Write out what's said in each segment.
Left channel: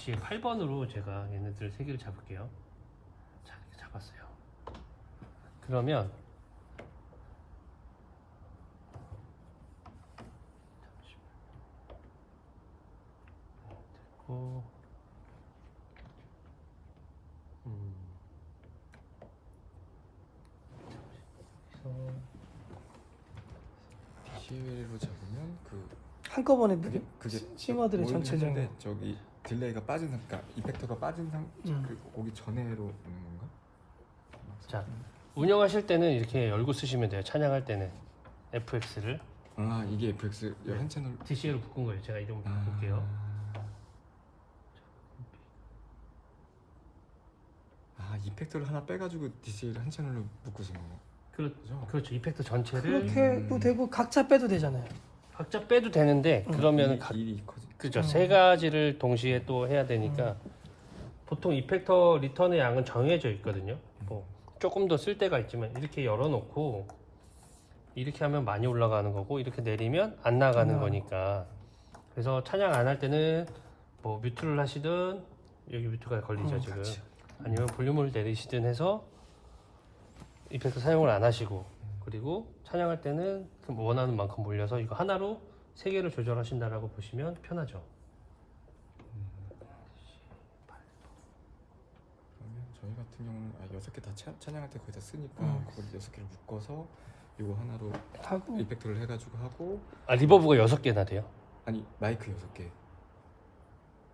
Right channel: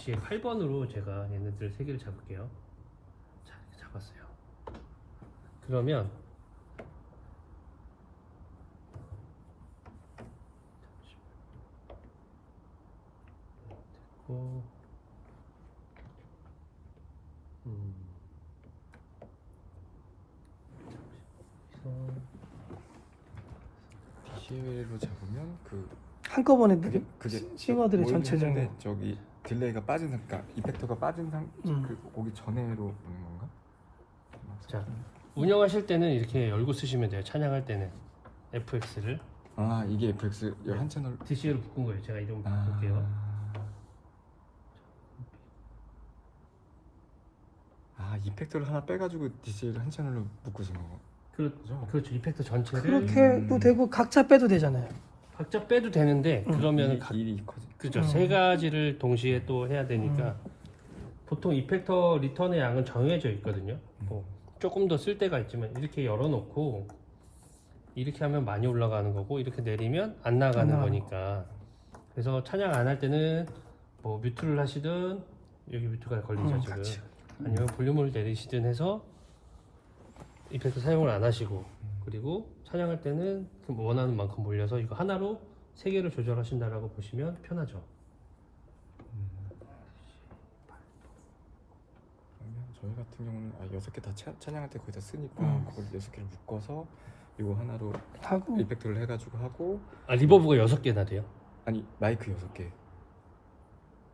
DC의 8번으로 제가 얘네들 세 개를 잡을게요. 자, 이렇게 잡았어요. 그러면 됐고, DCL로 잡으면 한꺼번에 그게 싱어들이 전체적으로 모르는데 저기 딜레이가 빠진 그러니까 이펙터가 빠진 오기 전에로 오는 건가? 자, 운영하실 때는 이렇게 열고 쓰시면 돼요. 찬양할 때는 FX를 아 이게 FX 한 채널 DC로 묶은 거예요. 제가 이름 바꿀게요. 이펙터를 하나 빼가지고 DC를 한 채널로 묶으신 거예요? 그렇죠. 이펙터 전체를 그렇게 해도 되고 각자 빼도 되잖아요. 각자 빼도 되는데 그러면 일이 커지. 그죠. 세 가지를 동시에 또 해야 되니까 보통 이펙터 리턴의 양은 정해져 있거든요. 뭐 조금 더 쓸 때가 있지만 이렇게 열어놓고 이렇게 하면 많이 올라가는 거고 이렇게 내리면 안 나가는 거니까. 그래서 찬양 안 할 때는 뭐 뮤트를 하시든 여기 뮤트가 걸리죠 지금. 아니면 볼륨을 내리시든 해서 이펙터 사용을 안 하시고, 그리고 찬양할 때는 원하는 만큼 몰려서 이거 하나로 세 개를 조절하신다라고 보시면 편하죠. 그러면 저희 같은 경우는 6개 다 찬양할 때 거의 다 쓰니까 거기 6개를 묶어서 이거 하나로 하고 이펙터를 해가지고 하고. 리버브가 6개나 돼요. 아니 마이크 6개.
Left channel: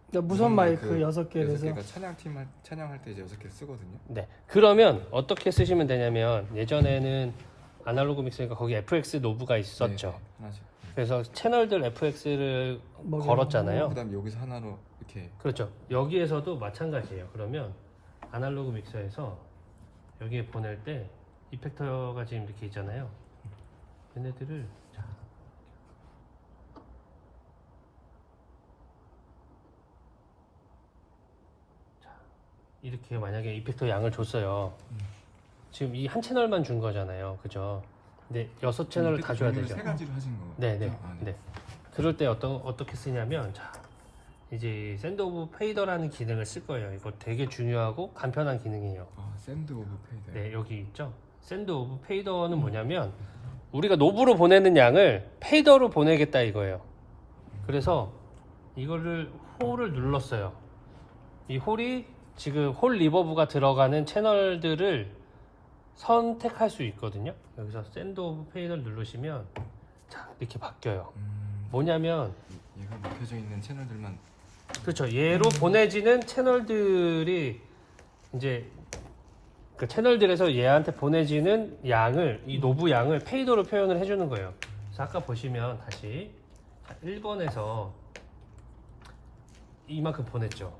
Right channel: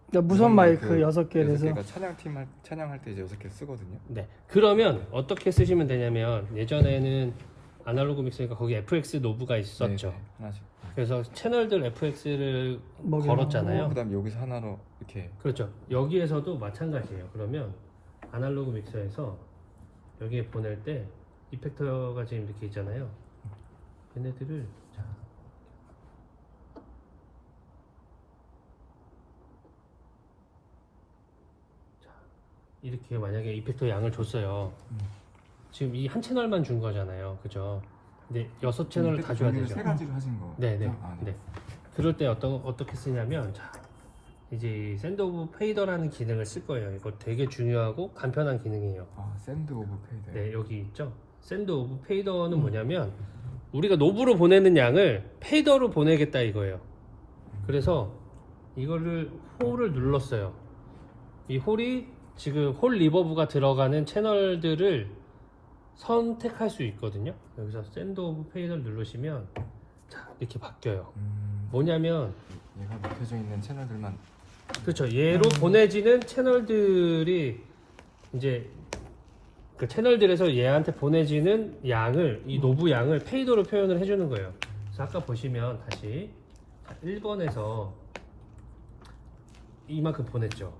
그러니까 무선 마이크 6개 내서 6개가 찬양할 때 이제 6개 쓰거든요. 네. 그러면 어떻게 쓰시면 되냐면 예전에는 아날로그 믹서니까 거기 FX 노브가 있었죠. 네, 하나씩. 그래서 채널들 FX를 먹이는 걸었잖아요. 그다음 여기서 하나로 이렇게. 그렇죠. 여기에서도 마찬가지예요. 그러면 아날로그 믹서에서 여기에 보낼 때 이펙터가 지금 이렇게 있잖아요. 얘네들을 이렇게 만약에 이펙터 양을 줬어요. 지금 이 한 채널만 준 거잖아요. 그죠? 근데 6채널을 다 줘야 되죠. 세 가지로 하신 거. 네네. 아, 네. 그럴 때 어떻게 쓰냐면, 자, 이제 샌드 오브 페이더라는 기능을 쓸 거예요. 이거 되게 중요하고 간편한 기능이에요. 샌드 오브 페이더. 네, 여기 있죠. 샌드 오브 페이더는 뭐냐면 우리가 노브로 보내는 양을 페이더로 보내겠다 이거예요. 그래서 이거를 홀을 눌렀어요. 이 홀이 지금 홀 리버브가 들어가는 채널들을 선택할 수 있거든요. 여기서 샌드 오브 페이더를 누르시면 자, 이렇게 바뀌어요. 뭐냐면 얘가 묶여져 있는 채널들만. 그렇죠. 얘로 보내지는 채널들이 이제 그 채널들에서 얘한테 보내지는 양을, 이 노브 양을 페이더로 표현을 해주는 거예요. 그래서 아까 보시면 다시 1번에서 이만큼 보냈죠.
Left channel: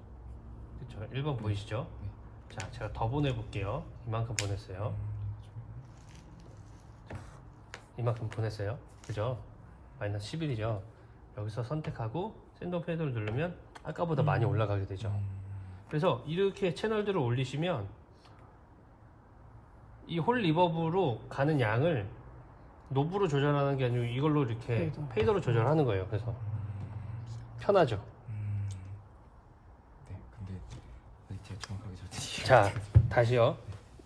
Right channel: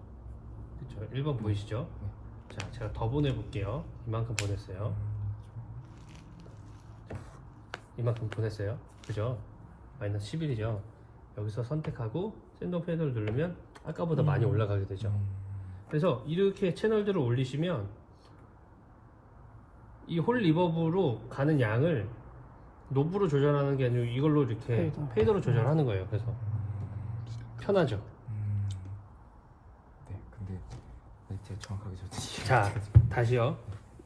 그렇죠. 1번 보이시죠? 자, 제가 더 보내볼게요. 이만큼 보냈어요. 이만큼 보냈어요. 그죠? 마이너스 11이죠. 여기서 선택하고 샌드 오브 페이더를 누르면 아까보다 많이 올라가게 되죠. 그래서 이렇게 채널들을 올리시면 이 홀 리버브로 가는 양을 노브로 조절하는 게 아니고 이걸로 이렇게 페이더로 조절하는 거예요. 그래서 편하죠. 네, 근데 제가 정확하게 줬지. 자, 다시요.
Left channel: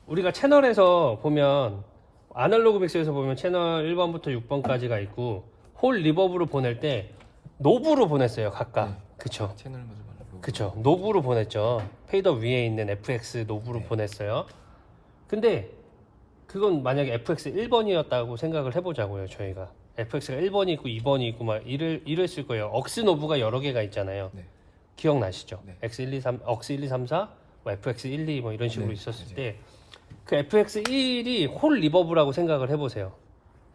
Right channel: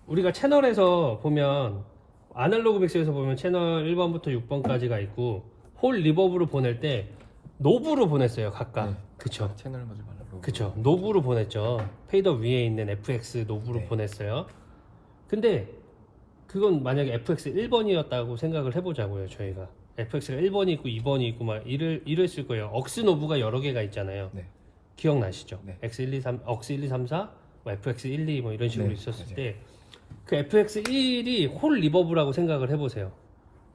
우리가 채널에서 보면 아날로그 믹서에서 보면 채널 1번부터 6번까지가 있고 홀 리버브로 보낼 때 노브로 보냈어요. 각각. 그쵸? 채널을 가지고 말고. 그쵸. 노브로 보냈죠. 페이더 위에 있는 FX 노브로 보냈어요. 근데 그건 만약에 FX 1번이었다고 생각을 해보자고요. 저희가 FX가 1번이 있고 2번이 있고 막 이랬을 거예요. 억스 노브가 여러 개가 있잖아요. 네. 기억나시죠? 네. X123, 억스 1, 2, 3, 4, 뭐 FX 1, 2 뭐 이런 식으로 네, 있었을 맞아요. 때 그 FX 1이 홀 리버브라고 생각을 해보세요.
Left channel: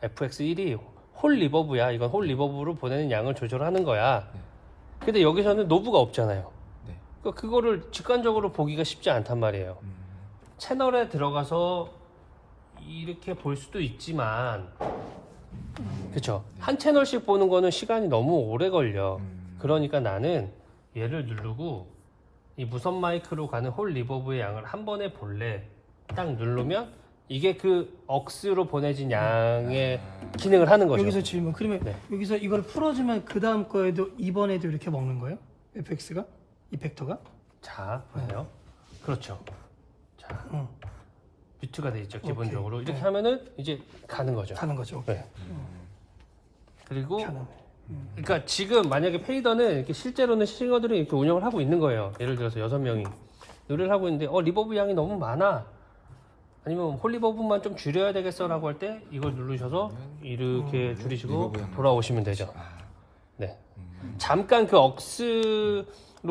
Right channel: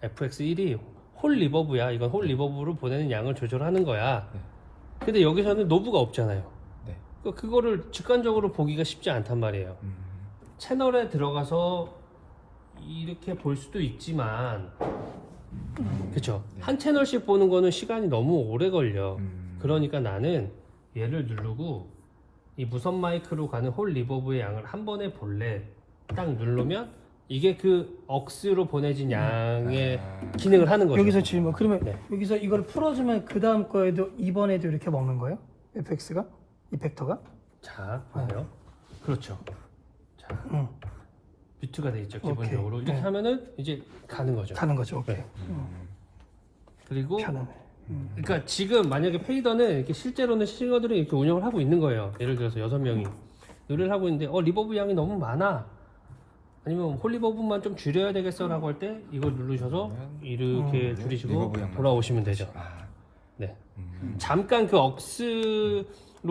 FX 1이 홀 리버브야. 이건 홀 리버브로 보내는 양을 조절하는 거야. 근데 여기서는 노브가 없잖아요. 네. 그러니까 그거를 직관적으로 보기가 쉽지 않단 말이에요. 채널에 들어가서 이렇게 볼 수도 있지만 그쵸? 한 채널씩 보는 거는 시간이 너무 오래 걸려. 그러니까 나는 얘를 누르고 이 무선 마이크로 가는 홀 리버브의 양을 한 번에 볼래. 딱 누르면 이게 그 억스로 보내진 양의 기능을 하는 거죠. 여기서 질문. 그러면 네. 여기서 이걸 풀어주면 그 다음 거에도 이번에도 이렇게 먹는 거예요? FX가? 이펙터가? 자, 봐요. 그렇죠. 자, 뮤트가 돼 있죠. 기본적으로 오케이. 이렇게 하면은 이제 가는 거죠. 가는 거죠. 오케이. 네. 그리고 편하네. 그러니까 지금 만약에 페이더는 이렇게 실제로는 싱어들이 이렇게 운영을 하고 있는 거예요. 예를 들어서 6명이 노래를 하고 있는데 리버브 양이 너무 많아. 아니면 홀리버브만 좀 줄여야 되겠어라고 할 때 이걸 누르셔서 이렇게 줄이시고 리버브 양을 돌아오시면 되죠. 아, 네. 잠깐 그 억스로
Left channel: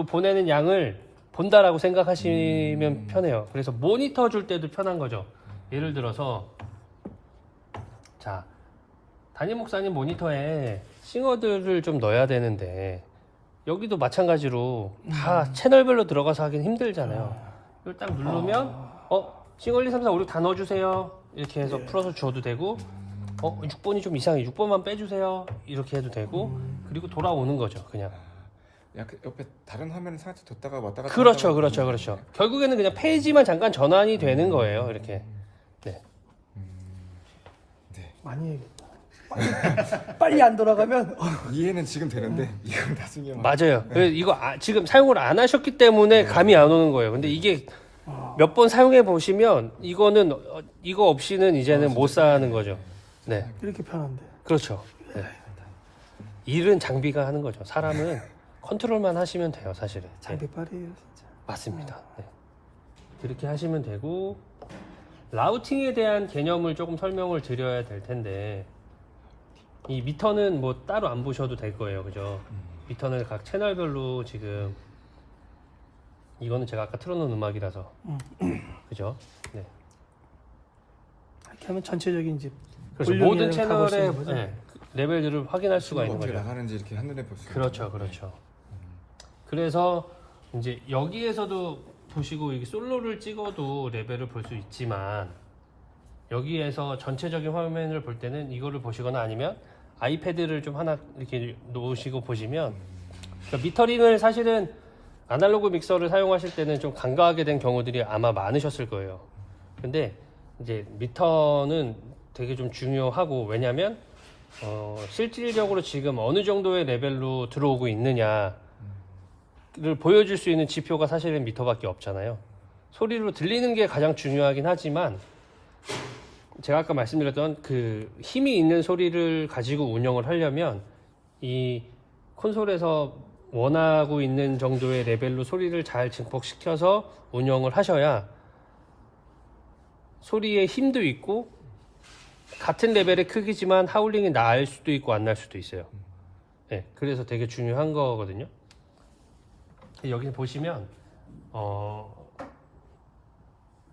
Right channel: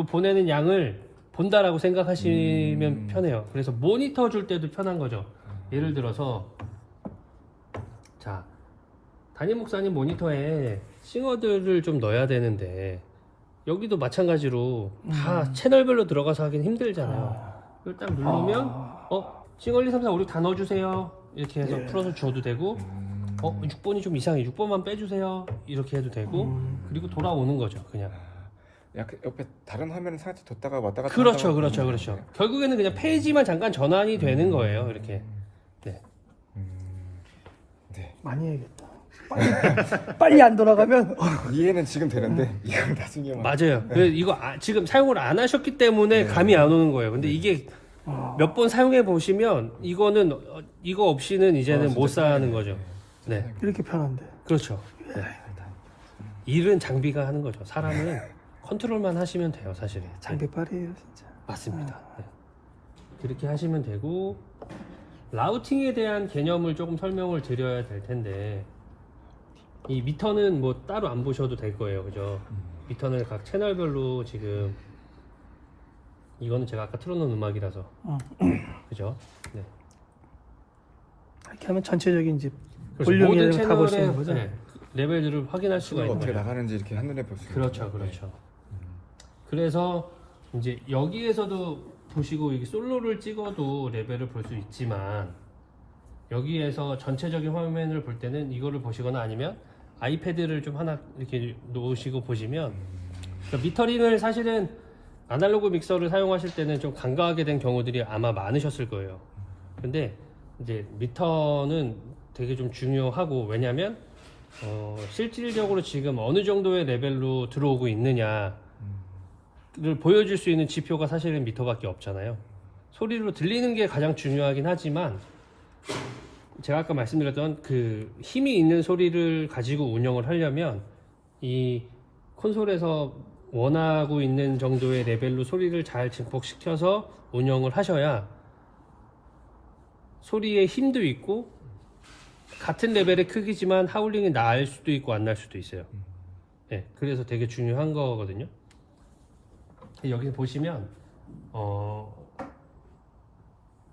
보내는 양을 본다라고 생각하시면 편해요. 그래서 모니터 줄 때도 편한 거죠. 예를 들어서 자, 담임 목사님 모니터에 싱어들을 좀 넣어야 되는데 여기도 마찬가지로 다 채널별로 들어가서 하긴 힘들잖아요. 이걸 딱 누르면 싱어 1, 2, 3, 4, 5, 6 다 넣어주세요. 이렇게 해서 풀어서 줘도 되고 6번이 좀 이상해. 6번만 빼주세요. 이렇게 해도 되고 그리고 돌아오는 거죠. 그냥. 약간 옆에 다른 화면을 살짝 뒀다가 왔다 갔다 그렇죠, 하다가 그렇죠, 그렇죠. 결국에는 그냥 페이지만 잠깐 전환이 되는 거예요. 이렇게. 네. 네. 많이 해야겠다. 빨리 안 돌아가면 이해는 지금 되는데 이건 나중에 막 맞아요. 그래서 이거 지금 사용을 안 하셨기 때문에 감이 안 오는 거예요. 근데 이게 몇 번 사용해 보시면 이거는 이거 없이는 이제는 못 사는 거죠. 네, 이렇게 편한데. 그렇죠. 네. 일은 장비가 하는 거죠. 사람은 컨트롤만 하시면 돼요, 사실은. 네. 장비빨이에요 진짜. 맞습니다. 네. 그렇게 하시면 되고 라우팅에 대한 개념을 조금 설명을 드려야 될 텐데 이 미터는 뭐 따로 안 보셔도 될 거예요, 그죠? 미터는 각 채널별로 지금 이거는 제가 아까 틀어놓은 음악이라서 그죠? 네. 이렇게 하면 전체적인 이제 그래서 볼륨이랑 모든 다 볼수 채널의 있는 거죠? 네, 레벨들을 확인할 수가 있는 어떻게 거죠. 나가는지 이렇게 한눈에 볼 수 있는 그렇죠, 그렇죠. 그래서 이제 여기에서도 보시고 이게 솔로를 찍어도 레벨을 볼 수 있지만 여기에서 전체적인 화면을 볼 때는 이거를 보시거나 아니면 아이패드를 좀 하나 이렇게 놓으시고 보시면 그러니까 미터링을 사실은 아날로그 믹서를 사용하실 때는 좀 간과하게 된 경우들이 아마 많으셨을 거예요. 근데 이제 미터는 되게 좀 중요하고 왜냐면 실질적으로 지금 어느 정도의 레벨로 들어오고 있느냐를 보여줄 수 있는 지표가 사실은 미터밖에 없잖아요. 소리로 들리는 게 가장 중요하긴 하지만 제가 아까 말씀드렸던 그 힘이 있는 소리를 가지고 운영을 하려면 이 콘솔에서 원하고 있는 정도의 레벨로 소리를 잘 증폭시켜서 운영을 하셔야 소리의 힘도 있고 같은 레벨의 크기지만 하울링이 날 수도 있고 안 날 수도 있어요. 네, 그래서 되게 중요한 거거든요. 여기 보시면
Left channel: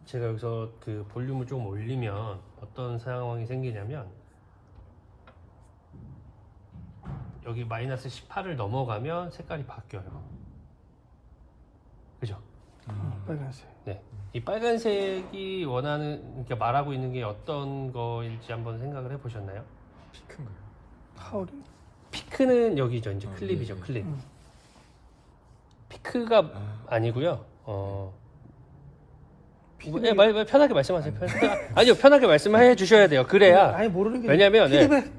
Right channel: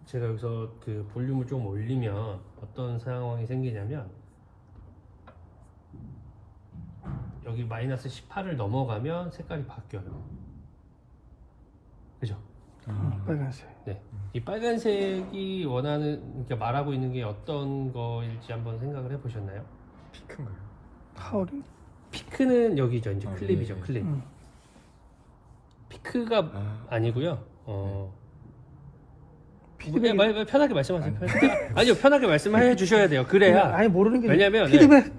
제가 여기서 그 볼륨을 좀 올리면 어떤 상황이 생기냐면 여기 마이너스 18을 넘어가면 색깔이 바뀌어요. 그죠? 빨간색. 네. 이 빨간색이 원하는, 그러니까 말하고 있는 게 어떤 거인지 한번 생각을 해보셨나요? 피크인가요? 하울링. 피크는 여기죠. 이제 클립이죠. 클립. 피크가 아니고요. 네, 편하게 말씀하세요. 아니요, 편하게 말씀해 주셔야 돼요. 그래야. 아니 모르는 게 왜냐면 피드백.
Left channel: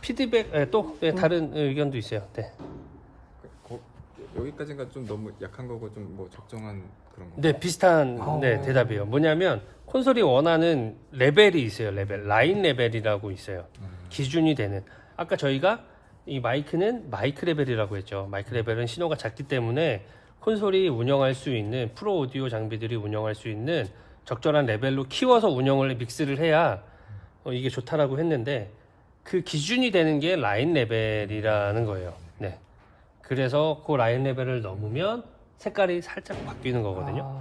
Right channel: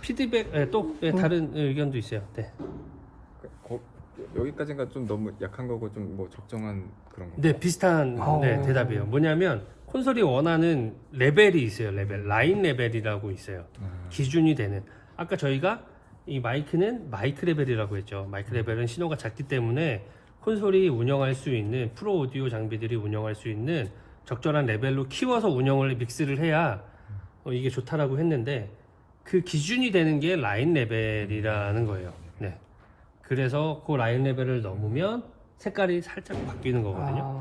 피드백 또 다른 의견도 있어요. 네. 여기까지가 좀 너무 약한 거고 좀 뭐 적정한 그런 거. 네, 비슷한 대답이에요. 뭐냐면 콘솔이 원하는 레벨이 있어요. 라인 레벨이라고 있어요. 기준이 되는. 아까 저희가 이 마이크는 마이크 레벨이라고 했죠. 마이크 레벨은 신호가 작기 때문에 콘솔이 운영할 수 있는 프로 오디오 장비들이 운영할 수 있는 적절한 레벨로 키워서 운영을 믹스를 해야 이게 좋다라고 했는데 그 기준이 되는 게 라인 레벨이라는 거예요. 네. 그래서 그 라인 레벨을 넘으면 색깔이 살짝 바뀌는 거거든요.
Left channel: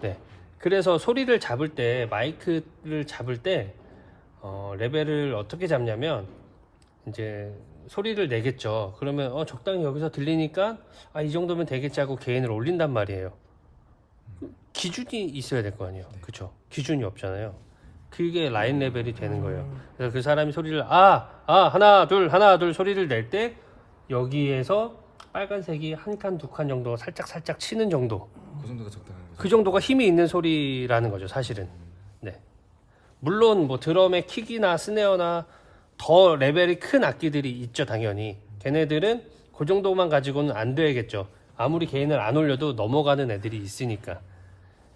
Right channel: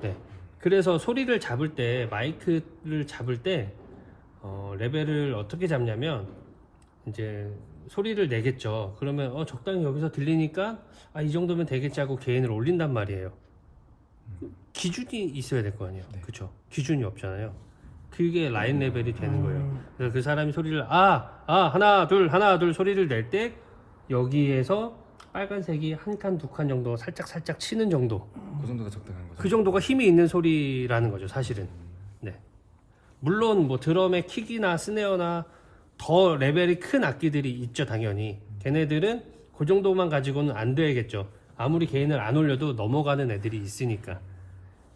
네. 그래서 소리를 잡을 때 마이크를 잡을 때 레벨을 어떻게 잡냐면 이제 소리를 내겠죠. 그러면 적당히 여기서 들리니까 이 정도면 되겠지 하고 게인을 올린단 말이에요. 기준이 있어야 될 거 아니에요. 그렇죠? 기준이 없잖아요. 그게 라인 레벨이 되는 거예요. 그래서 그 사람이 소리를 하나 둘 소리를 낼 때 여기에서 빨간색이 한 칸 두 칸 정도 살짝 치는 정도. 그 정도가 적당한 거죠. 그 정도가 힘이 있는 소리라는 거죠, 사실은. 네. 물론 뭐 드럼의 킥이나 스네어나 더 레벨이 큰 악기들이 있죠, 당연히. 걔네들은 그 정도만 가지고는 안 되겠죠. 아무리 게인을 안 올려도 넘어가는 애들이 있으니까.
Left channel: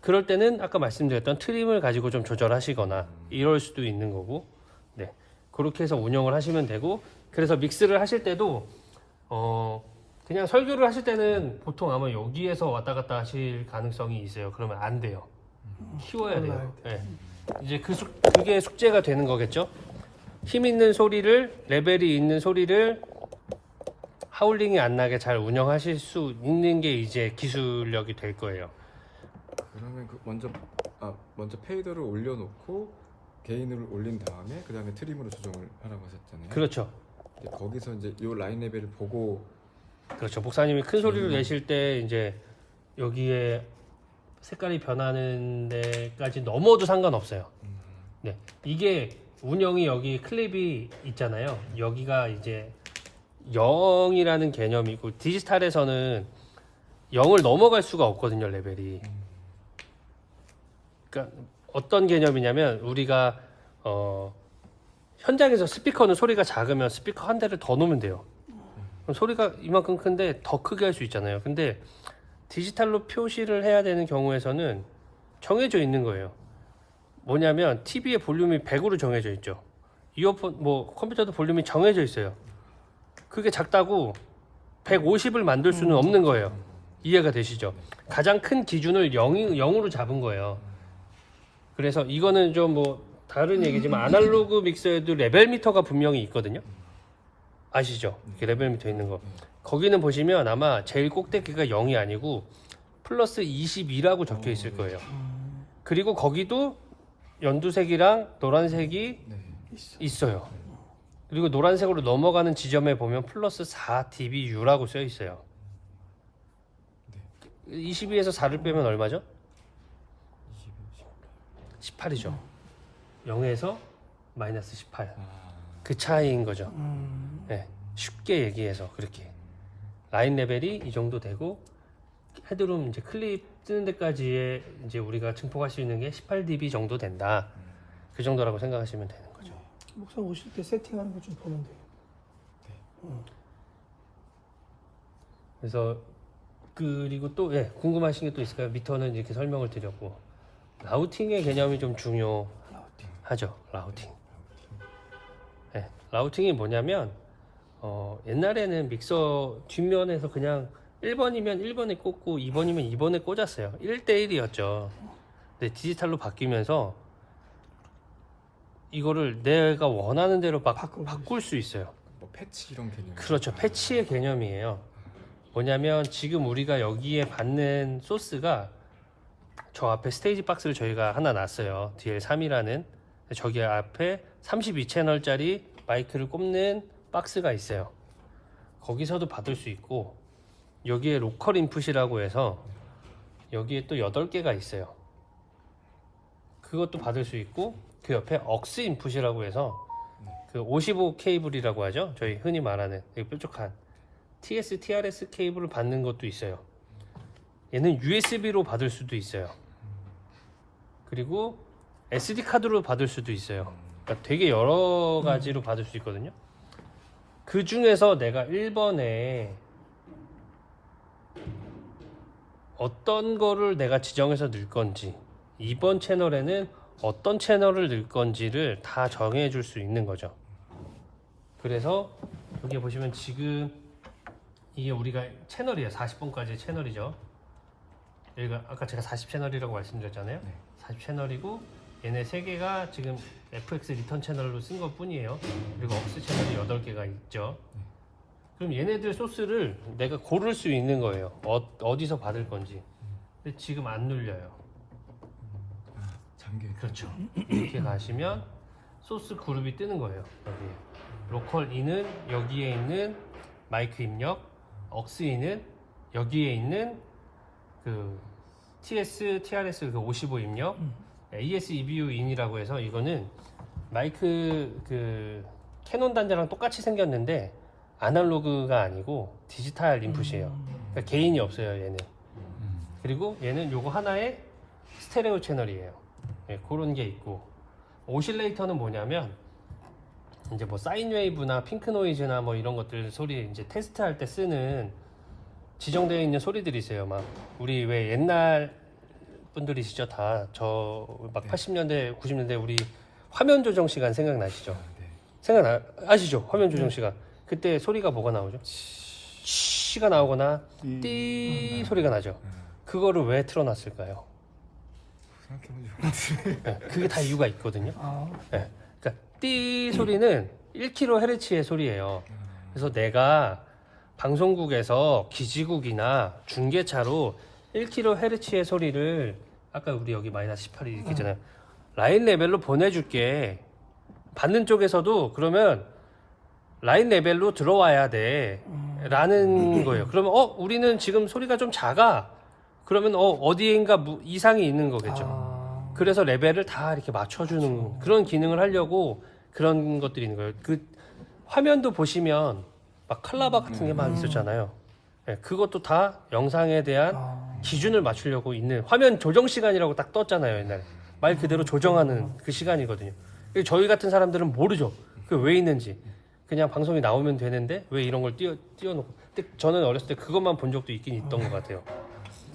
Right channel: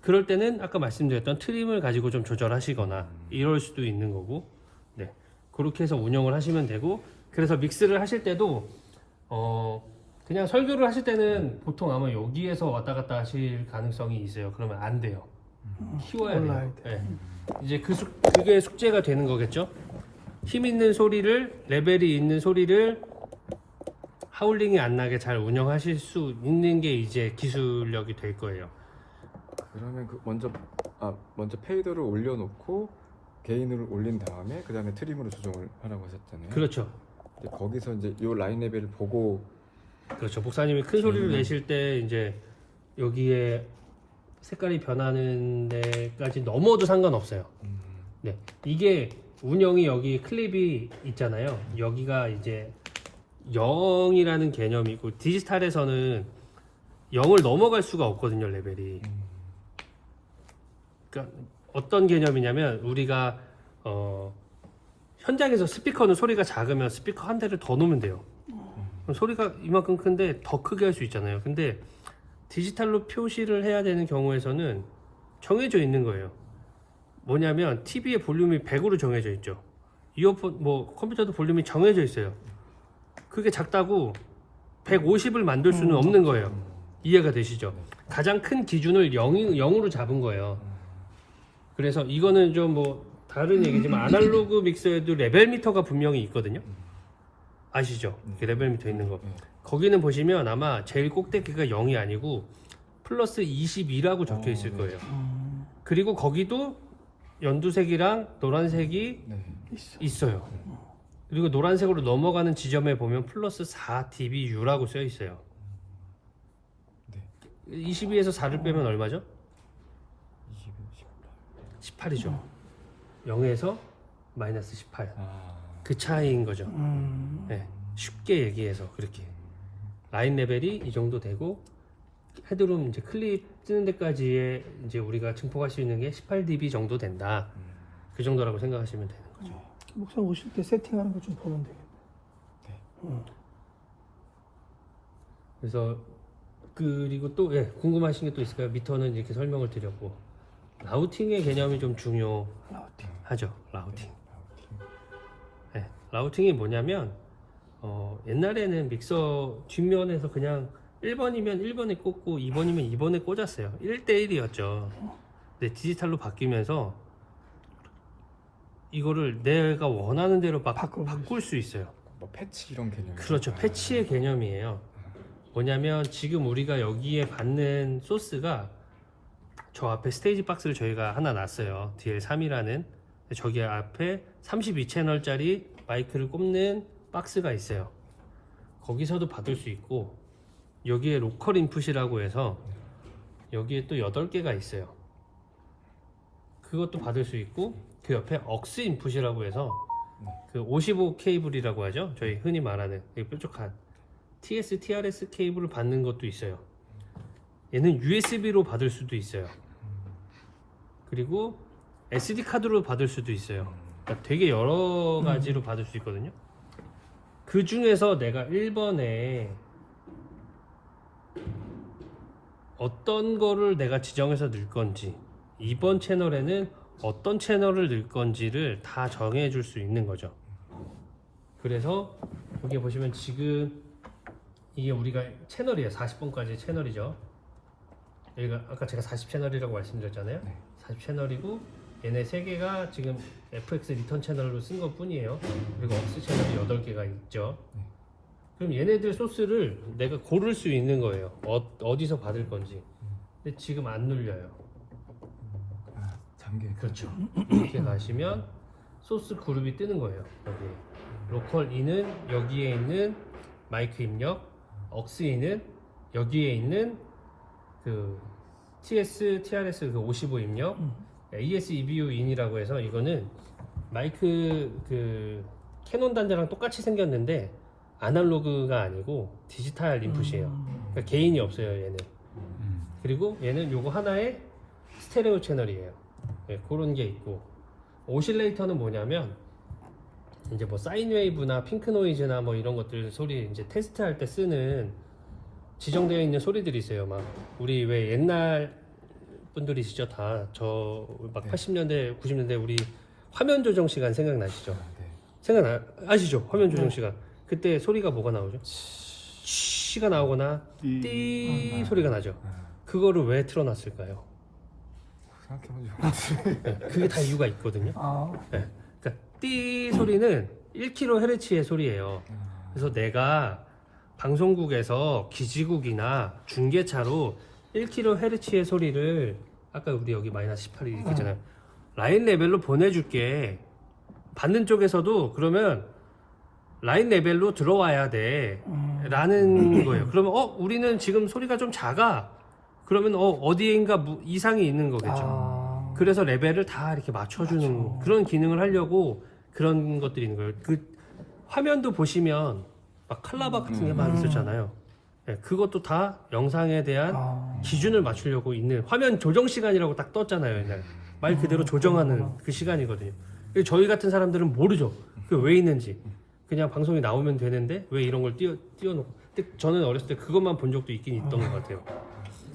그럴 때는 아까 말씀드렸던 트림을 가지고 좀 조절하시거나 이럴 수도 있는 거고, 네, 그렇게 해서 운영을 하시면 되고. 그래서 믹스를 하실 때도 그냥 설교를 하실 때는 보통 아마 여기에서 왔다 갔다 하실 가능성이 있어요. 그러면 안 돼요. 키워야 돼요. 네. 이제 그게 숙제가 되는 거겠죠. 힘 있는 소리를, 레벨이 있는 소리를 하울링이 안 나게 잘 운영하실 수 있는 게 이제 기술력이 될 거예요. 그러면 먼저 페이더를 올려놓고 게인을 올린 다음에 그 다음에 트림으로 조정을 하라고 하셨잖아요. 그렇죠. 근데 거기서 이제 이 라인 레벨을 보고 그렇죠. 목사님이 큰 소리를 내실 때 이제 여기에 색깔이 변하는 데까지 넘어도 상관없어요. 네, 이게 운영이 여기 클립이 있잖아요. 여기가 이제 0이라는 개념이고 디지털에서는 0을 넘어갈 수가 없거든요, 레벨이. 그러니까 어떤 개념이냐면 우리가 현장에서 스피커는 소리가 작으면 스피커 한 대를 더 놓으면 돼요. 그럼 소리가 이만큼 큰데 더 크게 할 수 있잖아요. 근데 디지털로 표시를 해야 되는 경우에서는 정해져 있는 거예요. 뭐냐면 TV의 볼륨이 100으로 정해져 있죠. 이어폰 컴퓨터도 볼륨이 정해져 있어요. 그게 작다고 150을 만들 수는 없는 거예요. 이해가 되시죠? 가장 큰 기준을 0으로 잡은 거예요. 그래서 이거는 좀 다른 얘기지만 아날로그 믹서에도 레벨 미터가 분명히 있거든요. 아시죠? 그 레벨 미터 있는 거. 거기는 보시면 아마 제일 꼭대기가 0이 아니고 플러스 22라고 적혀 있을 거예요. 그리고 거기도 연두색이랑 노란색이 있어요. 그리고 노란색으로 넘어가는 지점에 보면 플러스 4dBU라고 써 있어요. 22에서 4를 빼면 얼마죠? 18이죠. 0에서 마이너스 18. 그 차이인 거죠. 네, 쉽게 얘기해서 그렇게. 라인 레벨이 이 정도 되고 헤드룸 이제 클립 뜨는 데까지의 이제 우리가 증폭할 수 있는 게 18dB 정도 된다. 그 정도라고 생각하시면 되는 거죠. 목사 오실 때 세팅하는 거 좀 보면 되겠다. 그래서 그리고 또 궁금하신 게 또 있을까요? 미터는 이렇게 설명을 드렸고 라우팅의 개념이 좀 중요하죠. 라우팅. 네, 라우팅이 뭐냐면 옛날에는 믹서 뒷면에서 그냥 1번이면 1번에 꽂고 2번이면 2번에 꽂았어요. 1대1이었죠. 근데 디지털로 바뀌면서 이거를 내가 원하는 대로 바꿀 수 있어요. 뭐 패치 이런 개념. 그렇죠. 패치의 개념이에요. 뭐냐면 지금 우리가 여기에 받는 소스가 저 앞에 스테이지 박스를 저희가 하나 놨어요. DL3이라는 저기 앞에 32채널짜리 마이크를 꼽는 박스가 있어요. 거기서도 받을 수 있고 여기에 로컬 인풋이라고 해서 여기에 또 8개가 있어요. 그것도 받을 수 있고 그 옆에 억스 인풋이라고 해서 그 55 케이블이라고 하죠. 저희 흔히 말하는 뾰족한 TS, TRS 케이블을 받는 것도 있어요. 얘는 USB로 받을 수도 있어요. 그리고 SD 카드로 받을 수도 있어요. 그러니까 되게 여러 가지로 받을 수 있거든요. 그 중에서 내가 1번에 어떤 거를 내가 지정해서 넣을 건지 2번 채널에는 어떤 채널을 넣을 건지를 다 정해 줄 수 있는 거죠. 그래서 여기 보시면 지금 이게 우리가 채널이에요. 40번까지 채널이죠. 여기가 아까 제가 40채널이라고 말씀드렸잖아요. 40채널이고 얘네 3개가 지금 FX 리턴 채널로 쓴 것 뿐이에요. 그리고 억스 채널이 8개가 있죠. 그럼 얘네들 소스를 내가 고를 수 있는 거예요. 어디서 받을 건지. 근데 지금 안 눌려요. 잠겨. 그렇죠. 이렇게 가시면 소스 그룹이 뜨는 거예요. 여기 로컬 E는 여기에 있는 마이크 입력, 억스 E는 여기에 있는 그 TS, TRS 그 55 입력, AS EBU 인이라고 해서 이거는 마이크 그 캐논 단자랑 똑같이 생겼는데 아날로그가 아니고 디지털 인풋이에요. 그러니까 개인이 없어요, 얘는. 그리고 얘는 요거 하나의 스테레오 채널이에요. 그런 게 있고, 오실레이터는 뭐냐면 이제 뭐 사인 웨이브나 핑크 노이즈나 뭐 이런 것들 소리 이제 테스트할 때 쓰는 지정되어 있는 소리들이 있어요. 막 우리 왜 옛날 분들이시죠 다 저 막 네. 80년대 90년대 우리 화면 조정 시간 생각나시죠? 네. 아시죠? 화면 조정 시간 그때 소리가 뭐가 나오죠? 쉬가 나오거나 띠 소리가 나죠. 그거를 왜 틀어놨을까요? 생각해본 적 없지. 네, 그게 다 이유가 있거든요. 아, 네, 그러니까 띠 소리는 1kHz의 소리예요. 그래서 내가 방송국에서 기지국이나 중계차로 1kHz의 소리를 아까 우리 여기 마이너스 18이 이렇게 있잖아요. 라인 레벨로 보내줄게. 받는 쪽에서도 그러면 라인 레벨로 들어와야 돼. 라는 거예요. 그러면 우리는 지금 소리가 좀 작아. 그러면 어디인가 이상이 있는 거겠죠. 아, 그래서 레벨을 다 이렇게 맞춰주는 그런 기능을 하려고 그런 것들이 있는 거예요. 그 화면도 보시면 막 칼라바 같은 게 막 있었잖아요. 네, 그것도 다 영상에 대한 기준을 맞추려고 있는 화면 조정 시간이라고 딱 떴잖아요. 옛날에 말 그대로 조정하는 그 시간이거든요. 저희 같은 사람들은 모르죠. 그 왜 있는지. 그냥 방송에 나오면 되는데 왜 이런 걸 띄워놓고. 근데 저는 어렸을 때 그것만 본 적도 있긴 있던 것 같아요.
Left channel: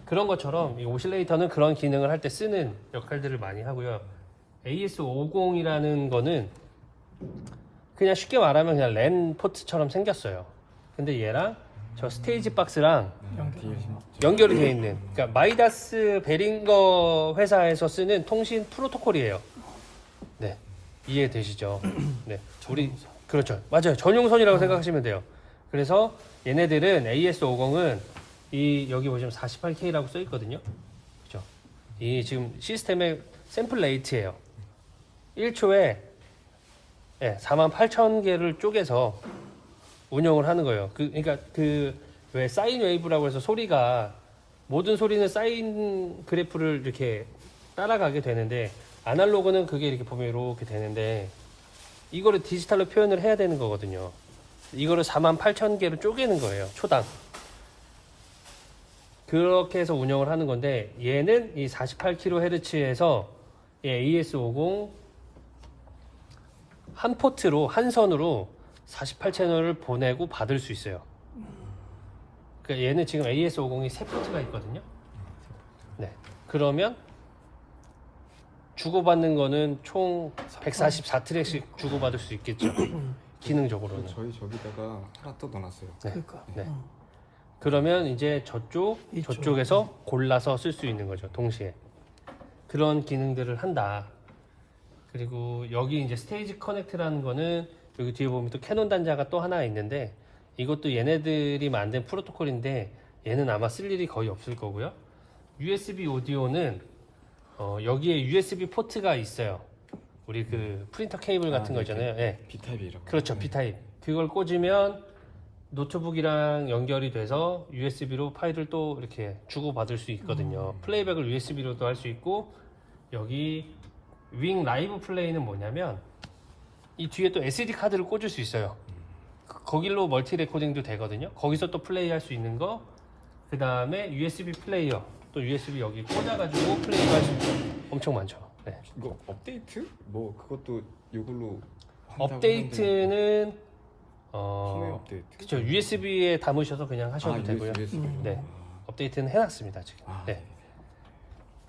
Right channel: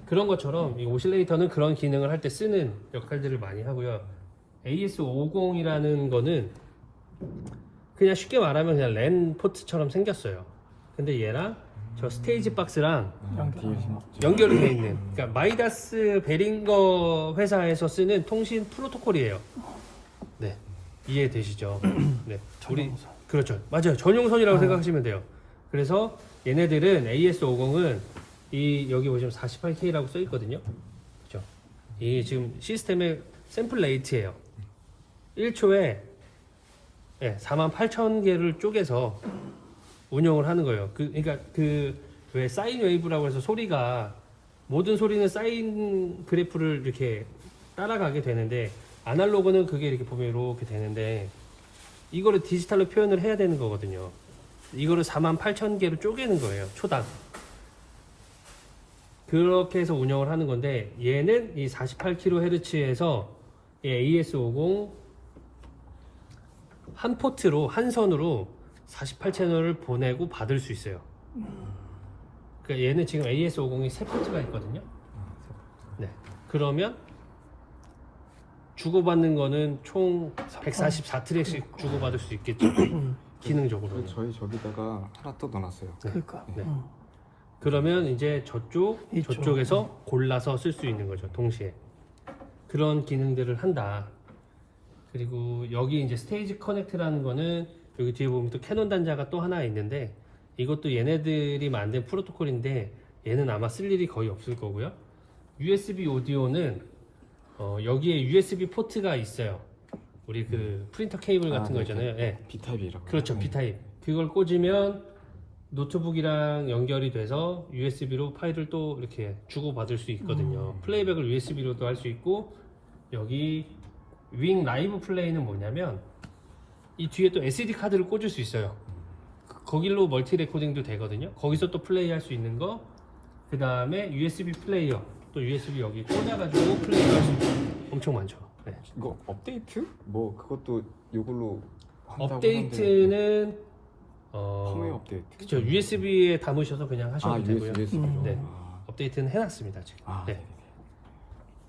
그런 것처럼 이 오실레이터는 그런 기능을 할 때 쓰는 역할들을 많이 하고요. AS50이라는 거는 그냥 쉽게 말하면 그냥 랜 포트처럼 생겼어요. 근데 얘랑 저 스테이지 박스랑 연결이 되어 있는, 그러니까 마이다스 베링거 회사에서 쓰는 통신 프로토콜이에요. 네, 이해되시죠? 네, 우리 그렇죠, 맞아요. 전용선이라고 생각하시면 돼요. 그래서 얘네들은 AS50은 이 여기 보시면 48K라고 써 있거든요. 그죠? 이 지금 시스템의 샘플 레이트예요. 1초에 48,000개를 쪼개서 운영을 하는 거예요. 그러니까 왜 사인 웨이브라고 해서 소리가 모든 소리는 사인 그래프를 이렇게 따라가게 되는데 아날로그는 그게 이렇게 보면 이렇게 되는데 이거를 디지털로 표현을 해야 되는 거거든요. 이거를 48,000개로 쪼개는 거예요. 초당. 그렇게 해서 운영을 하는 건데 얘는 이 48kHz에서 AS50 한 포트로 한 선으로 48채널을 보내고 받을 수 있어요. 그러니까 얘는 지금 AS50이 세 포트가 있거든요. 네. 그러면 주고받는 거는 총 144트랙씩 주고받을 수 있겠죠. 기능적으로는. 저희 저기다가 하나 또 넣어놨어요. 네. 그러니까. 네. 그러면 이제 이쪽. 저쪽에서 골라서 쓸 수 있는 거죠. 동시에. 그런 기능들을 한다. 그리고 여기 이제 스테이지 커넥트라는 거는 여기 뒤에 보면 또 캐논 단자가 또 하나 있는데 이것도 얘네들이 만든 프로토콜인데 얘는 아마 쓸 일이 거의 없을 거고요. USB 오디오는 여기에 USB 포트가 있어요. 우리 그 프린터 케이블 같은 거 있잖아요. 예. B타입이라고. 그렇죠. B타입. 그걸 꽂으면 노트북이랑 연결이 돼서 USB로 파일을 또 이렇게 주고받을 수 있거든요. 플레이백을 USB로도 할 수 있고 여기 윙 라이브 플레이는 뭐냐면 이 뒤에 또 SD 카드를 꽂을 수 있어요. 거길로 멀티 레코딩도 되거든요. 거기서 또 플레이 할 수 있는 거. 그 다음에 USB 플레이어. 또 USB 여기 꽂아가지고 플레이 할 수 있고 엄청 많죠. 네. 이거 업데이트? 뭐 그것도 이걸로 한다고 업데이트는 펌웨어 업데이트. 그쵸. USB에 담으셔서 그냥 하셔도 되고요. USB. 네. 업데이트는 해놨습니다 지금. 네.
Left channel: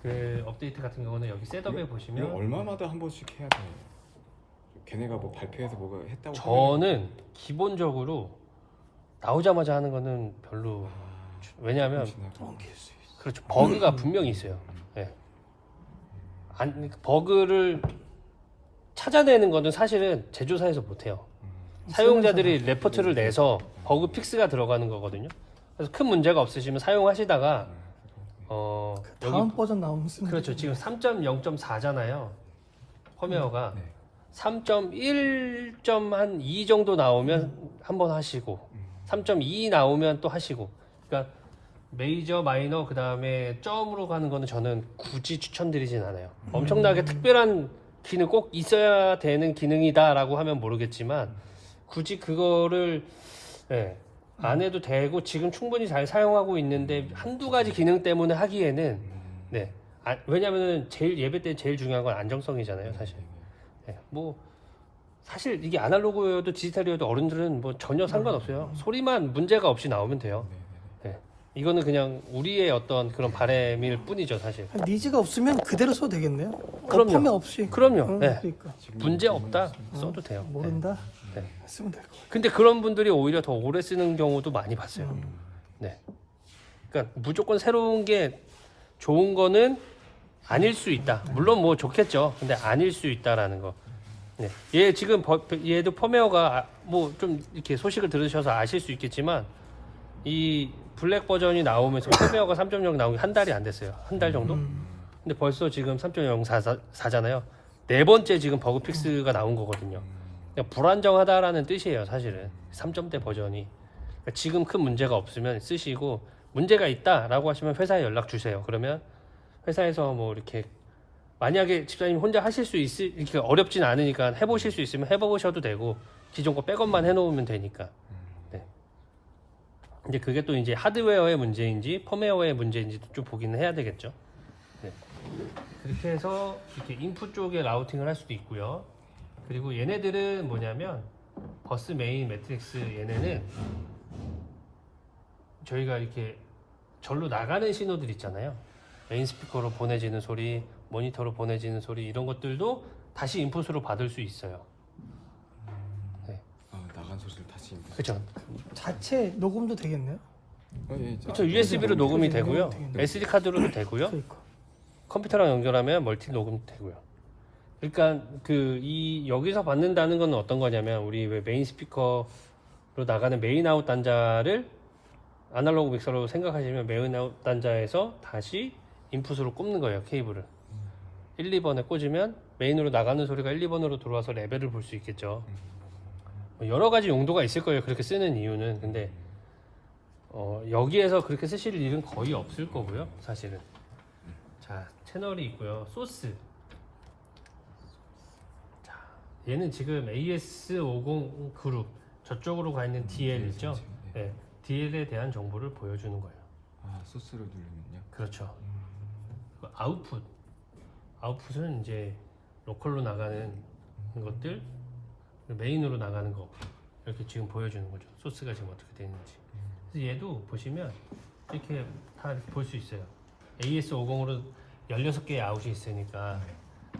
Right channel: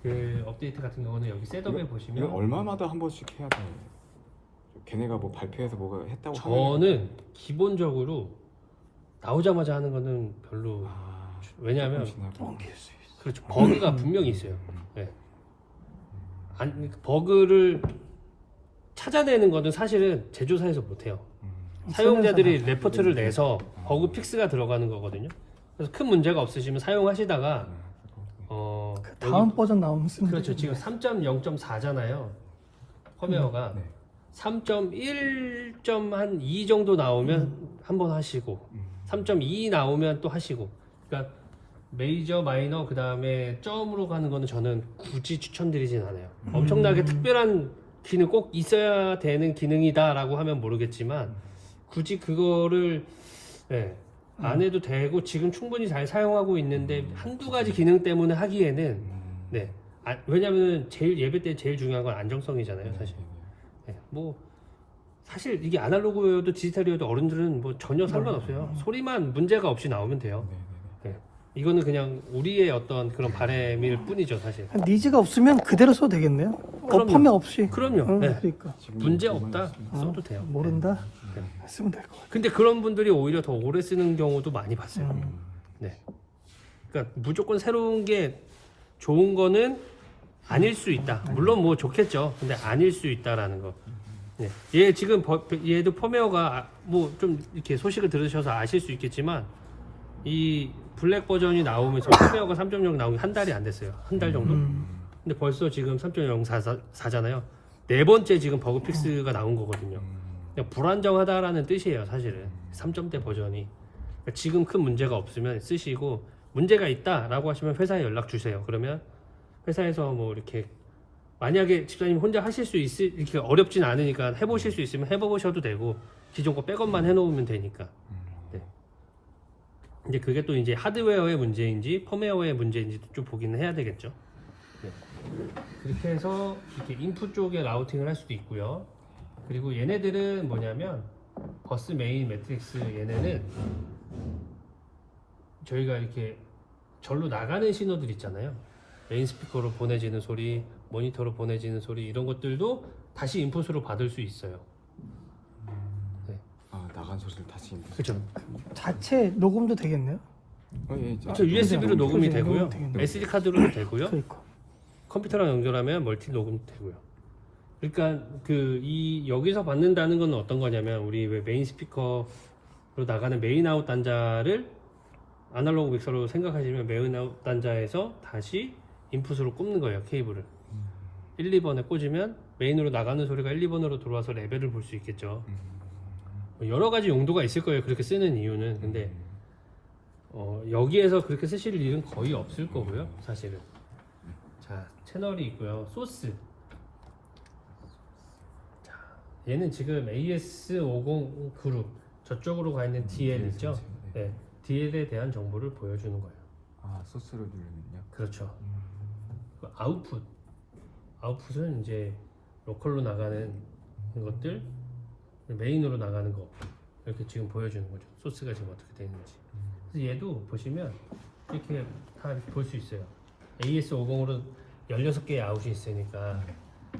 그 업데이트 같은 경우는 여기 셋업에 이거 보시면 얼마마다 한 번씩 해야 돼요? 걔네가 뭐 발표해서 뭐가 했다고 저는 기본적으로 나오자마자 하는 거는 별로 왜냐하면 그렇죠. 버그가 분명히 있어요. 네. 버그를 찾아내는 거는 사실은 제조사에서 못해요. 사용자들이 레포트를 내서 버그 픽스가 들어가는 거거든요. 그래서 큰 문제가 없으시면 사용하시다가 다음 버전 나오면 쓰면 그렇죠. 지금 3.0.4잖아요. 펌웨어가 3.1.2 정도 나오면 한번 하시고 3.2 나오면 또 하시고. 그러니까 메이저, 마이너 그 다음에 점으로 가는 거는 저는 굳이 추천드리진 않아요. 엄청나게 특별한 기능 꼭 있어야 되는 기능이다라고 하면 모르겠지만 굳이 그거를 안 해도 되고 지금 충분히 잘 사용하고 있는데 한두 가지 기능 때문에 하기에는 왜냐면 제일 예배 때 제일 중요한 건 안정성이잖아요, 사실. 뭐 사실 이게 아날로그여도 디지털이어도 어른들은 뭐 전혀 상관없어요. 소리만 문제가 없이 나오면 돼요. 이거는 그냥 우리의 어떤 그런 바람일 뿐이죠, 사실. 니즈가 없으면 그대로 써도 되겠네요. 그럼요. 판매 없이. 그럼요. 응, 네. 그러니까. 문제 없다 써도 돼요. 모른다. 네. 쓰면 되고. 근데 그런 분들이 오히려 더 오래 쓰는 경우도 많이 봤어요. 네. 그러니까 무조건 새로운 게 좋은 거는 아닐 수 있다. 물론 뭐 좋겠죠. 근데 아닐 수 있다라는 거. 네. 얘 지금 얘도 펌웨어가 뭐 좀 이렇게 소식을 들으셔서 아실 수 있겠지만 이 블랙 버전이 나오면서 펌웨어가 3.0 나온 게 한 달이 안 됐어요. 한 달 정도? 근데 벌써 지금 3.04잖아요. 네 번째 지금 버그 픽스가 나온 거거든요. 그러니까 불안정하다라는 뜻이에요, 사실은. 3점대 버전이. 그러니까 지금 큰 문제가 없으면 쓰시고 문제가 있다라고 하시면 회사에 연락 주세요. 그러면 회사에서 뭐 이렇게 만약에 집사님 혼자 하실 수 이렇게 어렵진 않으니까 해보실 수 있으면 해보셔도 되고 기존 거 백업만 해놓으면 되니까. 네. 이제 그게 또 이제 하드웨어의 문제인지 펌웨어의 문제인지 좀 보기는 해야 되겠죠. 네. 그렇게 해서 이렇게 인풋 쪽에 라우팅을 할 수도 있고요. 그리고 얘네들은 뭐냐면 버스 메인 매트릭스 얘네는 저희가 이렇게 절로 나가는 신호들 있잖아요. 메인 스피커로 보내지는 소리, 모니터로 보내지는 소리 이런 것들도 다시 인풋으로 받을 수 있어요. 네. 아 나간 소리를 다시. 그렇죠. 자체 녹음도 되겠네요. 예, 그렇죠. USB로 녹음이 되고요. 되겠네요. SD 카드로도 되고요. 그러니까. 컴퓨터랑 연결하면 멀티 녹음도 되고요. 그러니까 여기서 받는다는 건 어떤 거냐면 우리 왜 메인 스피커로 나가는 메인 아웃 단자를 아날로그 믹서로 생각하시면 메인 아웃 단자에서 다시 인풋으로 꼽는 거예요, 케이블을. 1, 2번에 꽂으면 메인으로 나가는 소리가 1, 2번으로 들어와서 레벨을 볼 수 있겠죠. 여러 가지 용도가 있을 거예요, 그렇게 쓰는 이유는. 근데 여기에서 그렇게 쓰실 일은 거의 없을 거고요, 사실은. 자, 채널이 있고요. 소스. 자, 얘는 지금 AS50 그룹 저쪽으로 가 있는 DL 있죠? 네, DL에 대한 정보를 보여주는 거예요. 아 소스를 누르면요. 그렇죠. 그 아웃풋은 이제 로컬로 나가는 것들, 메인으로 나가는 거 이렇게 지금 보여주는 거죠. 소스가 지금 어떻게 되어 있는지. 그래서 얘도 보시면 이렇게 다 볼 수 있어요. AS50으로 16개의 아웃이 있으니까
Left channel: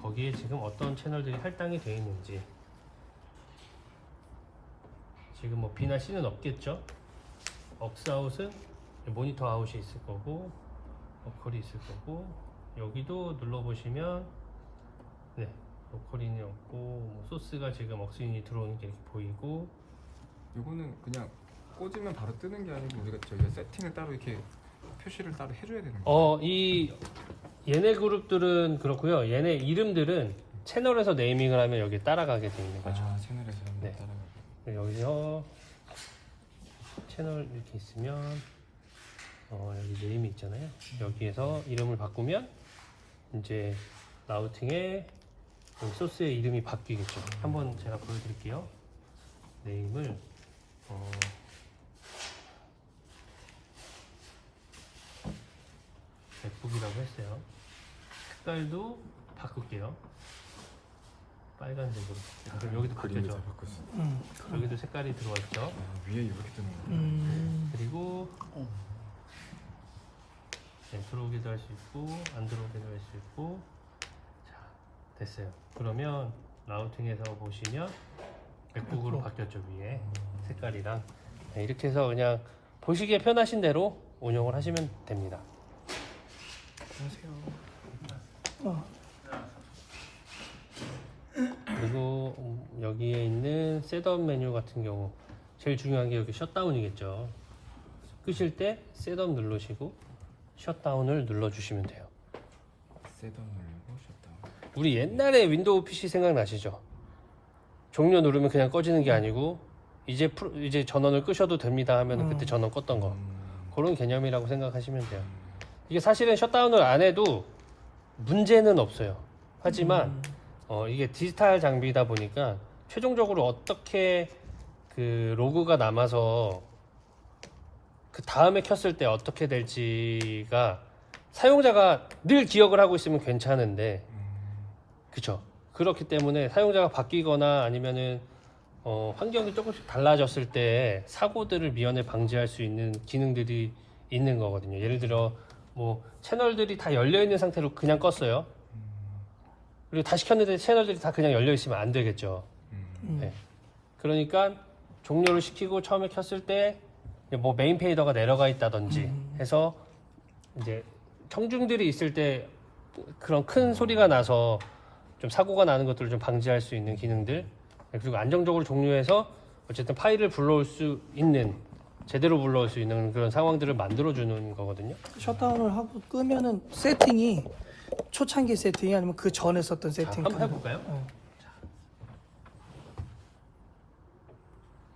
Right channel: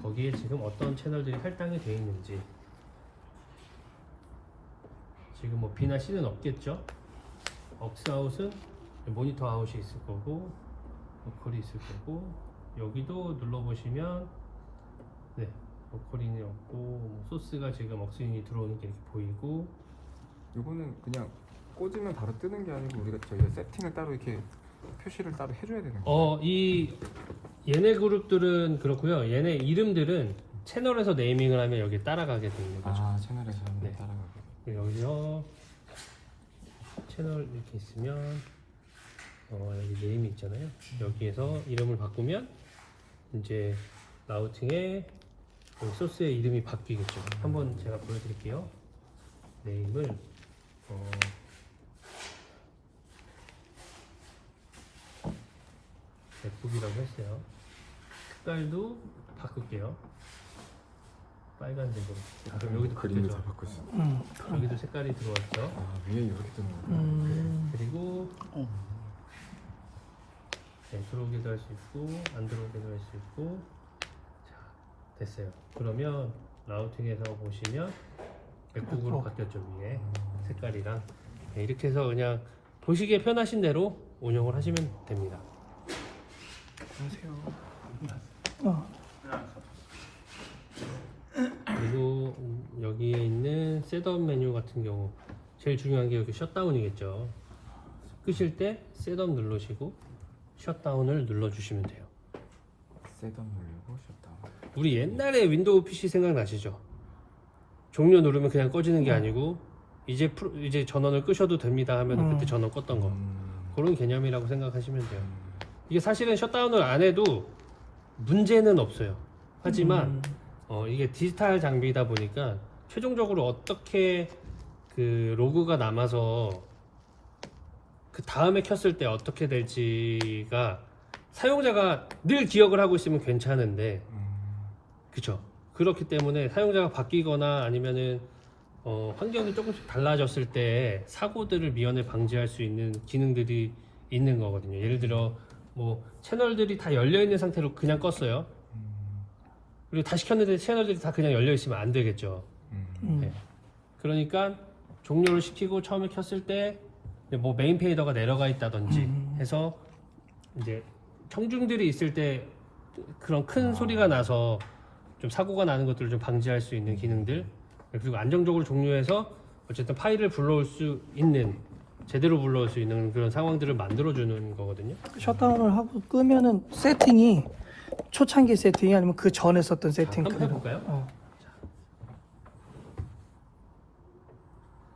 거기에 지금 어떤 채널들이 할당이 되어 있는지. 지금 뭐 B나 C는 없겠죠. 억스 아웃은 모니터 아웃이 있을 거고 로컬이 있을 거고, 여기도 눌러보시면 네, 로컬인이 없고 뭐 소스가 지금 억스인이 들어오는 게 이렇게 보이고. 요거는 그냥 꽂으면 바로 뜨는 게 아니고 저희가 세팅을 따로 이렇게 표시를 따로 해줘야 되는 거예요. 얘네 그룹들은 그렇고요. 얘네 이름들은 채널에서 네이밍을 하면 여기 따라가게 되어 있는 거죠. 아 채널에서 네. 따라가고. 여기서 채널 이렇게 있으면 여기 네임이 있잖아요. 여기에서 이름을 바꾸면 이제 라우팅에 여기 소스의 이름이 바뀌겠죠. 한번 제가 보여드릴게요. 네임을 맥북이라고 했어요. 색깔도 바꿀게요. 빨간색으로. 그럼 여기도 그림을 바뀌죠. 다 바꿨어. 여기도 색깔이 들어왔죠. 아 위에 이렇게 뜨는 거예요. 그리고 네, 들어오기도 할 수 있고 안 들어오기도 할 수 있고. 자, 됐어요. 그러면 라우팅에서 보시면 맥북으로 바뀌었죠. 위에 색깔이랑. 네, 이렇게 해서 그냥 보시기에 편하신 대로 운영을 하시면 됩니다. 그리고 여기에 있는 셋업 메뉴 같은 경우 제일 중요한 게 여기 셧다운이겠죠. 끄실 때 셋업 누르시고 셧다운을 눌러주시면 돼요. 셋업 누르고 셧다운. 우리 옛날에 윈도우 PC 생각나시죠? 종료 누르면 그냥 꺼지는 게 아니고 이제 전원을 끄셔도 됩니다 하면 그때 전원 껐던 거, 그런 개념이라고 생각하시면 돼요. 이게 사실은 셧다운을 안 해도 문제는 없어요. 하지만 이게 디지털 장비다 보니까 최종적으로 어떻게 그 로그가 남아서 그 다음에 켰을 때 어떻게 될지가 사용자가 늘 기억을 하고 있으면 괜찮은데, 그쵸? 그렇기 때문에 사용자가 바뀌거나 아니면은 환경이 조금씩 달라졌을 때 사고들을 미연에 방지할 수 있는 기능들이 있는 거거든요. 예를 들어 뭐 채널들이 다 열려 있는 상태로 그냥 껐어요. 그리고 다시 켰는데 채널들이 다 그냥 열려 있으면 안 되겠죠. 네. 그러니까 종료를 시키고 처음에 켰을 때 뭐 메인 페이더가 내려가 있다든지 해서 이제 청중들이 있을 때 그런 큰 소리가 나서 좀 사고가 나는 것들을 좀 방지할 수 있는 기능들, 그리고 안정적으로 종료해서 어쨌든 파일을 불러올 수 있는, 제대로 불러올 수 있는 그런 상황들을 만들어주는 거거든요. 셧다운을 하고 끄면은 세팅이 초창기 세팅이 아니면 그 전에 썼던 세팅. 한번 해볼까요?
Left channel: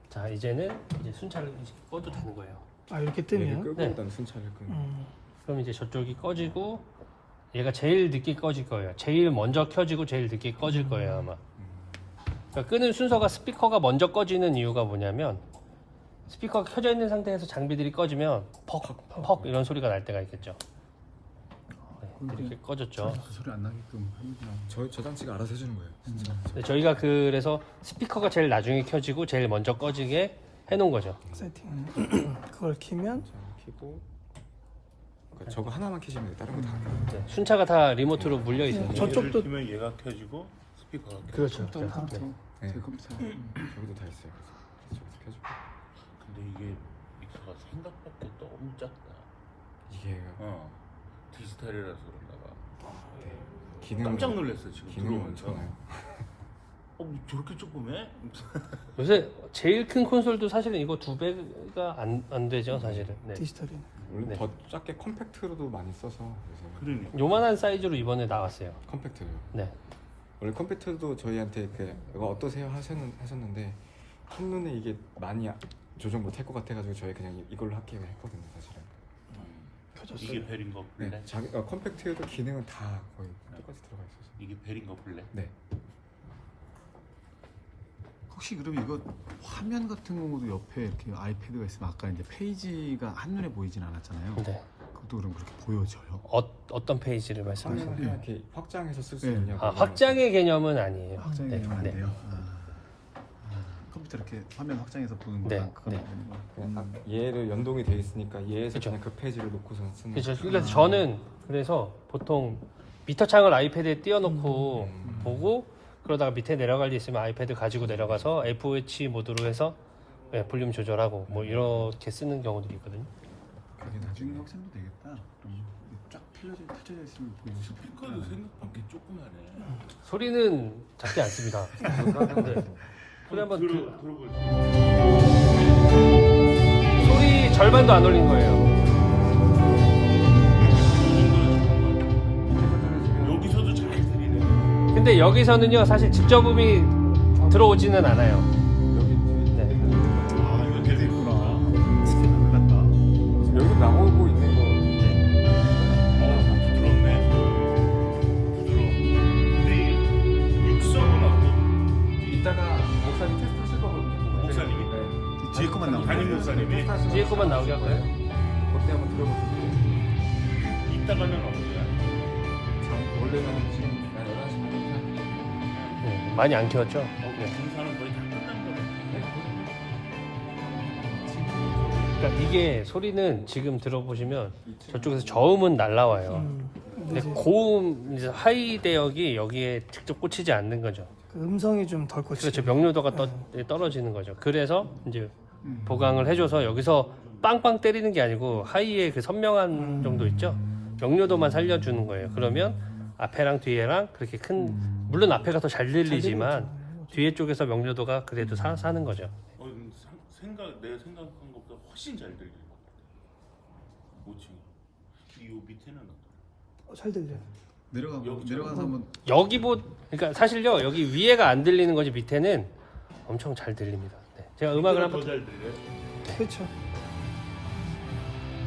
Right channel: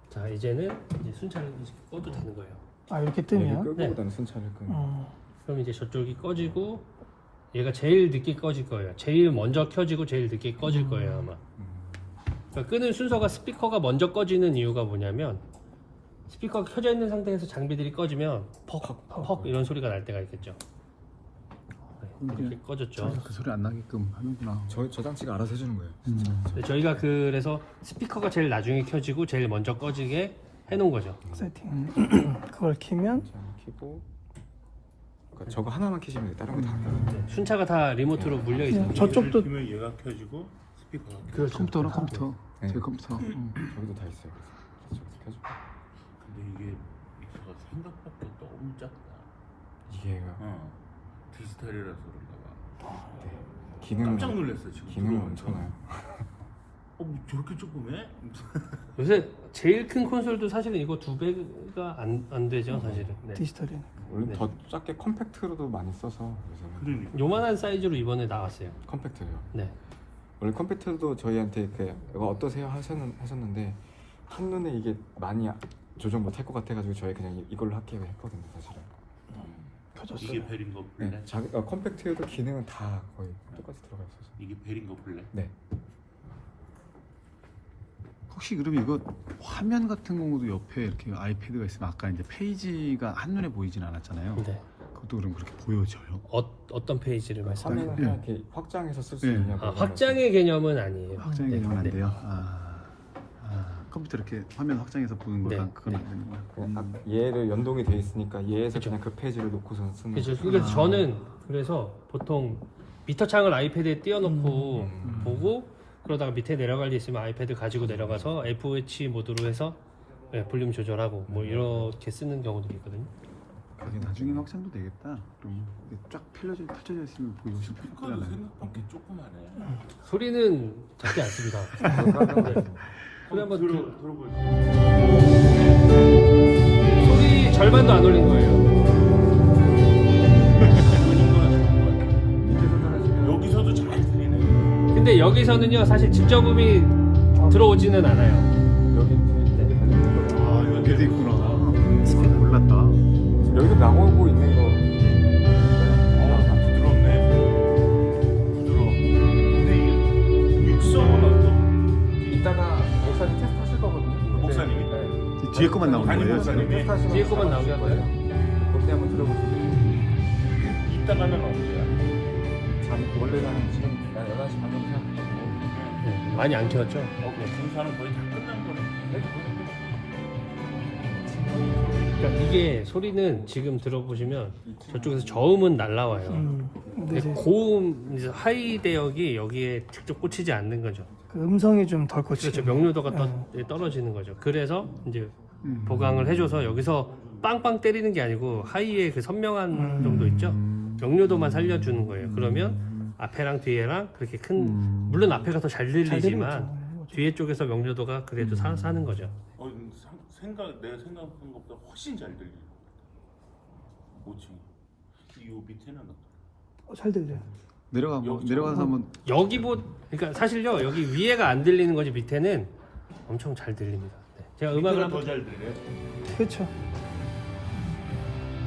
자, 이제는 이제 순찰을 이제 꺼도 되는 거예요. 아 이렇게 얘를 뜨면. 끄고보다는 순찰을 끄는. 그럼 이제 저쪽이 꺼지고 얘가 제일 늦게 꺼질 거예요. 제일 먼저 켜지고 제일 늦게 꺼질 거예요 아마. 그러니까 끄는 순서가 스피커가 먼저 꺼지는 이유가 뭐냐면 스피커가 켜져 있는 상태에서 장비들이 꺼지면 퍽퍽 이런 소리가 날 때가 있겠죠. 이렇게 꺼졌죠. 그 소리 안 나게끔 하는구나. 저 장치가 알아서 해주는 거예요. 네, 저희가 그래서 스피커가 제일 나중에 켜지고 제일 먼저 꺼지게 해놓은 거죠. 세팅. 그걸 키면 자, 켜고 그러니까 저거 하나만 켜시면 돼요. 다른 거다 안 켜요. 네, 순차가 다 리모트로 물려 있어요. 저쪽도 키면 얘가 켜지고 스피커가 켜. 그렇죠. 컴퓨터로 컴퓨터. 네. 제 컴퓨터. 저기도 다 있어요. 그래서 저기서 켜주고 근데 이게 믹서가 생각밖에 너무 작다. 이게 디지털이라서 그런가. 기능 깜짝 놀랐어요 지금. 기능 들어오면서. 엄청나요. 저렇게 조그매? 요새 제일 큰 콘솔도 사실은 이거 2배가 안 되죠 사실은. 네. 디지털이. 원래 네. 더 작게 컴팩트로도 많이 써서 요새는 그러니까. 요만한 사이즈로 이번에 나왔어요. 컴팩트요. 네. 원래 컴팩트도 저희한테 이거 어떠세요 하셨는데 한눈에 이게 많이 조정 못할 것 같아가지고 저희 그냥 이걸로 할게요 했거든요 사실은. 이게 벨인가 네. 블랙? 컴팩트도 기능은 다 거의 똑같이 들어가 있어서. 이게 벨인가 블랙? 네. 혹시 그럼 이거 화면 같은 경우도 옆에 이렇게 아이패드가 있으면 아까 이제 페이지가 한눈에 보이진 않았잖아요. 네. 그것도 그럼 그렇게 보여져요? 어떤 페이지를 말씀하세요? 화면을 그냥 이렇게 확장해서 쓸 수 네. 있냐고. 확장의 개념은 아니에요. 확장이 네. 되면 안 네. 돼요? 컴퓨터 이렇게 화면 확장해서 보는 거랑 네. 그건 안 되는구나. 얘를 연동이 돼 있으니까 얘에서 그쵸. 그냥 그 페이지를 놓고서 쓰는. 그렇죠. 그래서 저는 그래서 보통 미터 창을 아이패드에 띄워놓고 보고 그러다가 밑에 내려갈 일 있으면 아이패드 가지고 내려가서 FOH 모드로 해서 네, 볼륨 조절하고 뭐 이렇게 쓰는 경우도 있거든요. 나중에는 확장도 되겠다. 그럼 이게 쫙 펼쳐져 있으면 보기 훨씬 스피커도 편하잖아요. 생각밖에 조그마네. 소리는 작지 않습니다. 네. 소리 한번 들어볼게요. 소리 절반도 안 올린 거예요. 여기서도 잘 들리네. 근데 여기서는요 사실 직접 음이 들어오지는 않아요. 여기 뒤에 네. 아 여기도 있구나. 몰랐다. 여기도 나오고 있는 거. 부드럽네. 부드러워. 근데 이게 육성은 어떤? 이따가 목사님 테스트 하실 거거든요. 목사님이? 네. 뒤에 것만 나오는 거예요 목사님. 지금? 테스트 하시면 뒤에 것만 나오게 할 거예요? 어떻게 한번 들어보세요. 이따가는 어디야? 자, 원래는 한 지금 11시 반에 시작하고 많이 안 키웠죠? 공사는 거의 다 끝난 거네. 그러니까 이게 소리는 지금 들어보시면 저쪽에서 저음은 날라와요. 근데 고음, 이제 하이 대역이 여기에 직접 꽂히지 않는 거죠. 그 음성이 좀 덜 꽂히죠. 그렇죠. 명료도가 떨어지는 거죠. 그래서 이제 보강을 해줘서 여기서 빵빵 때리는 게 아니고 하이의 그 선명한 정도 있죠. 명료도만 살려주는 거예요. 그러면 앞에랑 뒤에랑 그렇게 큰 물론 앞에가 더 잘 들리지만 뒤에 쪽에서 명료도가 그래도 사는 거죠. 내가 생각한 것보다 훨씬 잘 들리는 것 같아. 뭐지? 이 밑에는 어떨까? 잘 들려요. 내려가서 한번 여기 그러니까 사실요 여기 위에가 안 들리는 거지 밑에는 엄청 잘 들립니다. 네. 제가 음악을 한번 더잘 들려요. 그렇죠.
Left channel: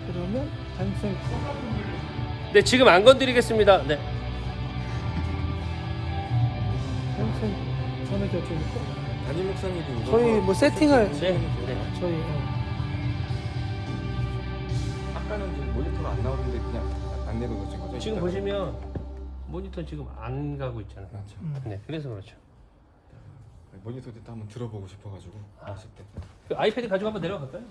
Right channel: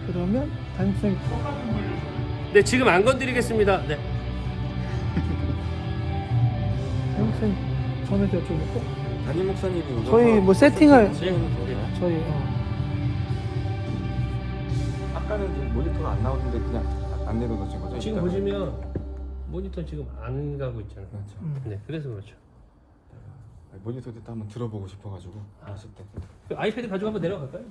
그러면 단순히 네 지금 안 건드리겠습니다. 네. 저는 저쪽 담임 목사님도 저희 뭐 세팅할 네. 저희 아까는 이제 모니터가 안 나오는데 그냥 안 내려놓으신 거죠? 지금 이따가? 보시면 모니터 지금 안 가고 있잖아요. 그렇죠. 네, 그래서 그렇죠. 모니터도 또 한번 들어보고 싶어가지고 하실 때. 아이패드 가지고 한번 내려갈까요?